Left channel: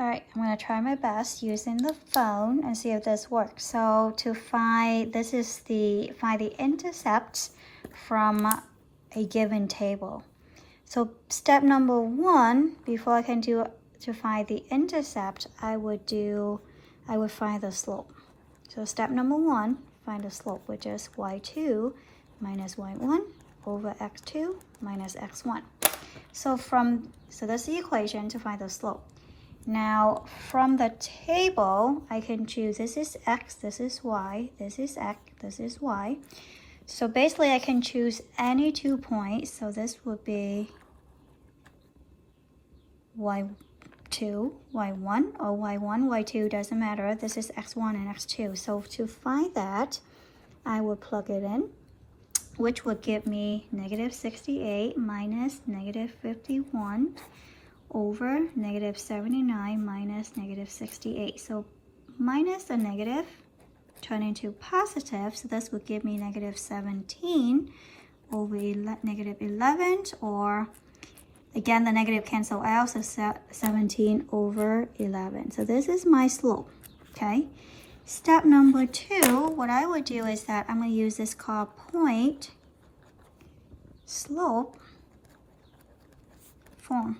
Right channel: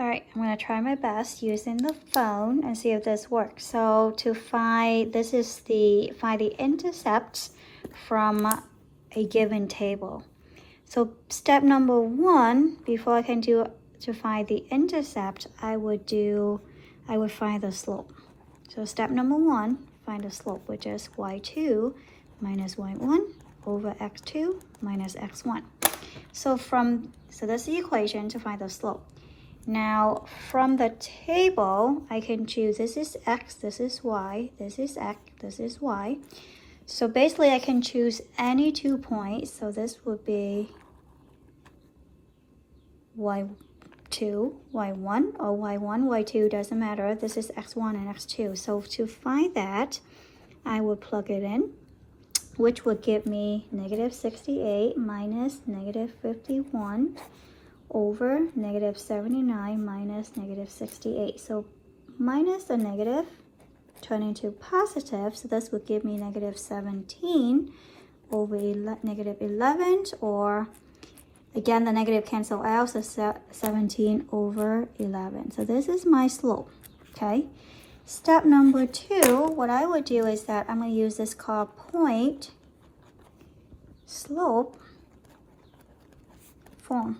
All right, I'm gonna try my best using the phone and see if this works. So to find, this is find the intercepts from a given table. So step number one, before I can do to find the intercept, I would find the slope. So step number one, find the slope, which is y2 minus y1 over x2 minus x1. So that's the equation to find the slope. Now, from the table, I can choose, this is x, this is y, this is x, this is y. So basically, I can choose any 2 points. So this would be y2, y1, or y1, y2, doesn't matter. This is x1 and x2. So to find that, I will plug it in, which would give me negative 68 minus negative 51 over negative 79 minus negative 68. So minus the negative turn into positive. So this would give me negative 17 over negative 11, or again, the negative cancel out, so 17 over 11. So this is my slope, okay? Step number two, what I would do is that I'm going to use this called point slope form,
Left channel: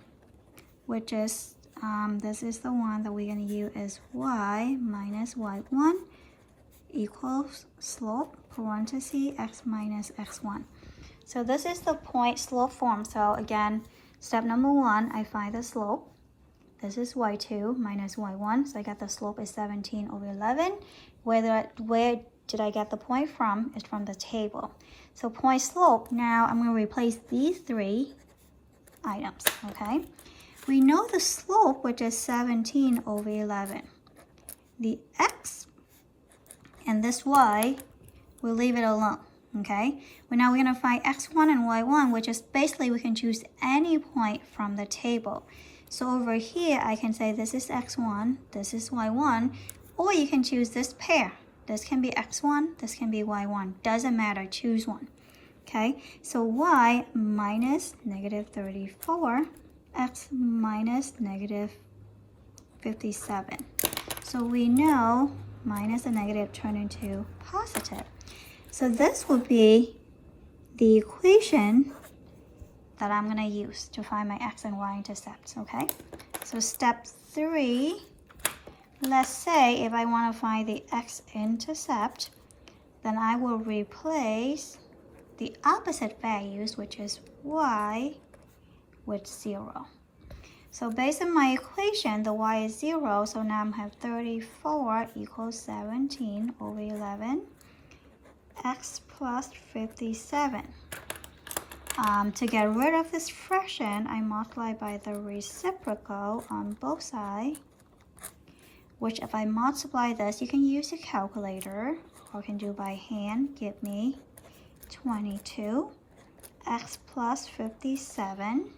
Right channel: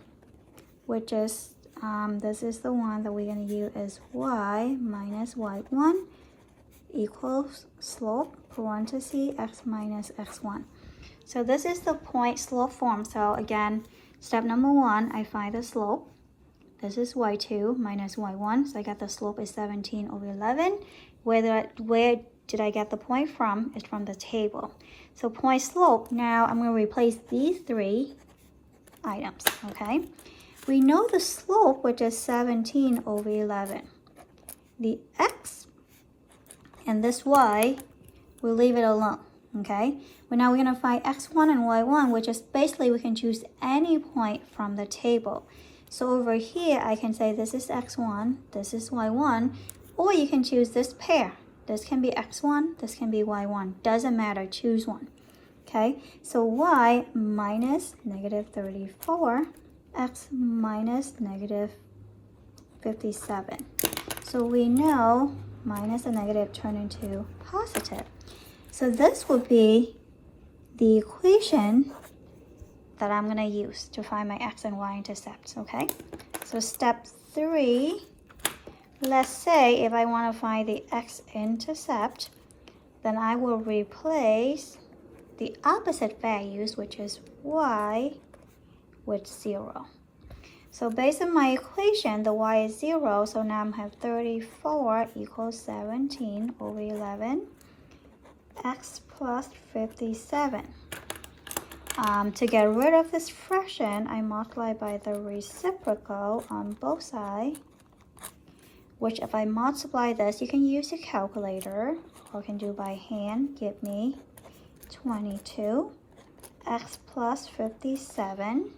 which is, this is the one that we're going to use as y minus y1 equals slope, parenthesis, x minus x1. So this is the point slope form. So again, step number one, I find the slope. This is y2 minus y1. So I got the slope is 17 over 11. Where did I get the point from? It's from the table. So point slope, now I'm going to replace these three items, okay? We know the slope, which is 17 over 11. The x and this y, we'll leave it alone, okay? But now we're going to find x1 and y1, which is basically we can choose any point from the table. So over here, I can say this is x1, this is y1, or you can choose this pair. This can be x1, this can be y1. Doesn't matter, choose one, okay? So y minus negative 34, x minus negative 57. So we know minus a negative turn into positive. So this would be the equation that I'm going to use to find my x and y intercepts, okay? So step three, let's say if I want to find the x-intercept, then I will replace the opposite values, which is y, with 0. So based on my equation, the y is 0, so now I have 34 equals 17 over 11, x plus 57. To get rid of this fraction, I multiply by the reciprocal on both sides, which if I multiply this, you can use your calculator or you can do by hand, give me 22, x plus 57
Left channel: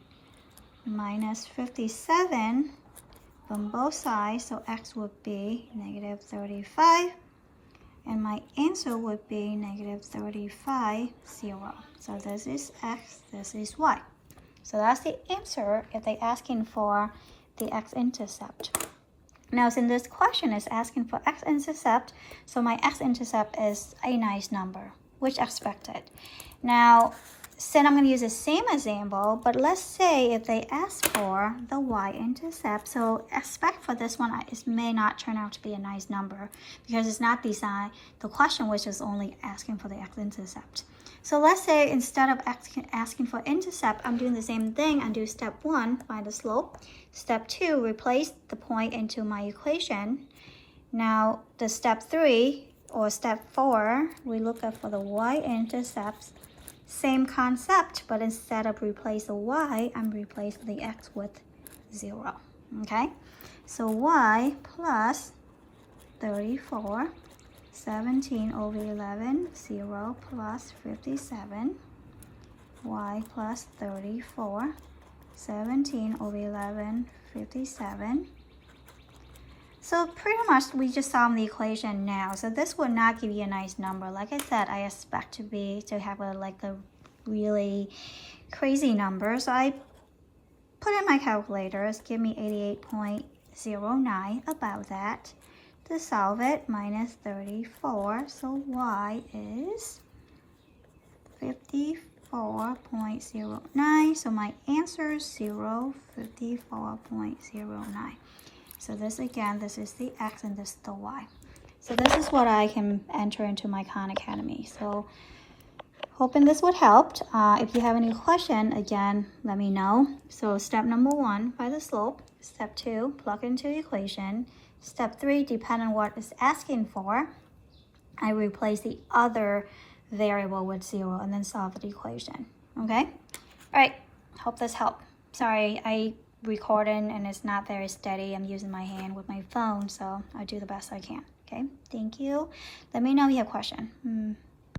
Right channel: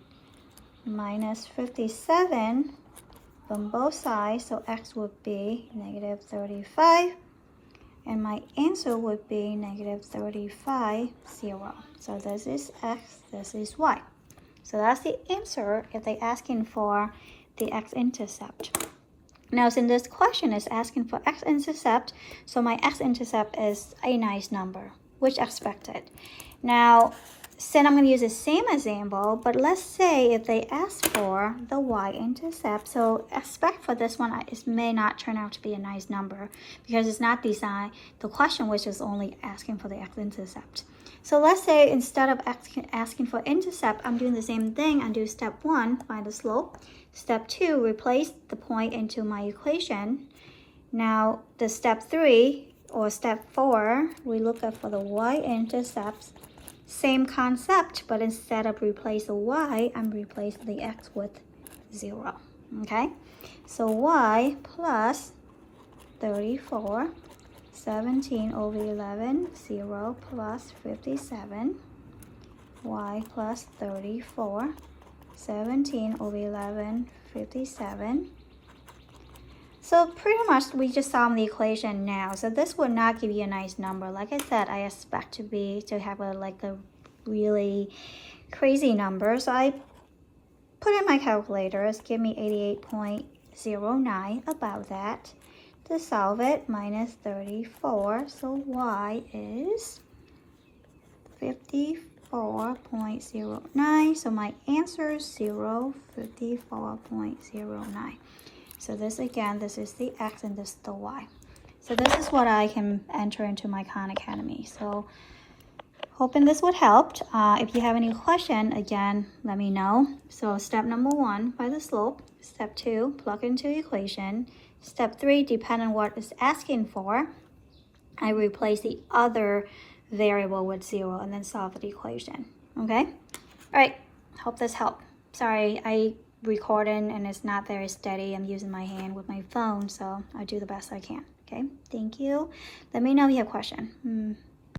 minus 57 on both sides, so x would be negative 35, and my answer would be negative 35, 0. So this is x, this is y. So that's the answer if they're asking for the x-intercept. Now, since this question is asking for x-intercept, so my x-intercept is a nice number, which expected. Now, since I'm going to use the same example, but let's say if they ask for the y-intercept, so expect for this one, it may not turn out to be a nice number because it's not designed, the question which is only asking for the x-intercept. So let's say instead of asking for intercept, I'm doing the same thing. I do step one, find the slope. Step two, replace the point into my equation. Now, the step three or step four, we look at for the y-intercepts. Same concept, but instead of replace the y, I'm replacing the x with 0, okay? So y plus 34, 17 over 11, 0 plus 57, y plus 34, 17 over 11, 57. So pretty much we just solved the equation now. So this would not give you a nice number. Like I said, I expect to have a really crazy number. So I put in my calculator. It's give me 0.09 about that. To solve it, minus 34, so y is 54.09. So my answer is 54.09. So this again, this is the x and this is the y. So this is what I can enter into my Khan Academy. So hoping this would help. If you have any question, again, let me know. So step number 1, find the slope. Step 2, plug into the equation. Step 3, depend on what it's asking for, I replace the other variable with 0 and then solve the equation. Okay? All right, hope this helped. Sorry, I recording and it's not very steady. I'm using my hand with my phone, so I do the best I can. Okay, thank you. Let me know if you have a question.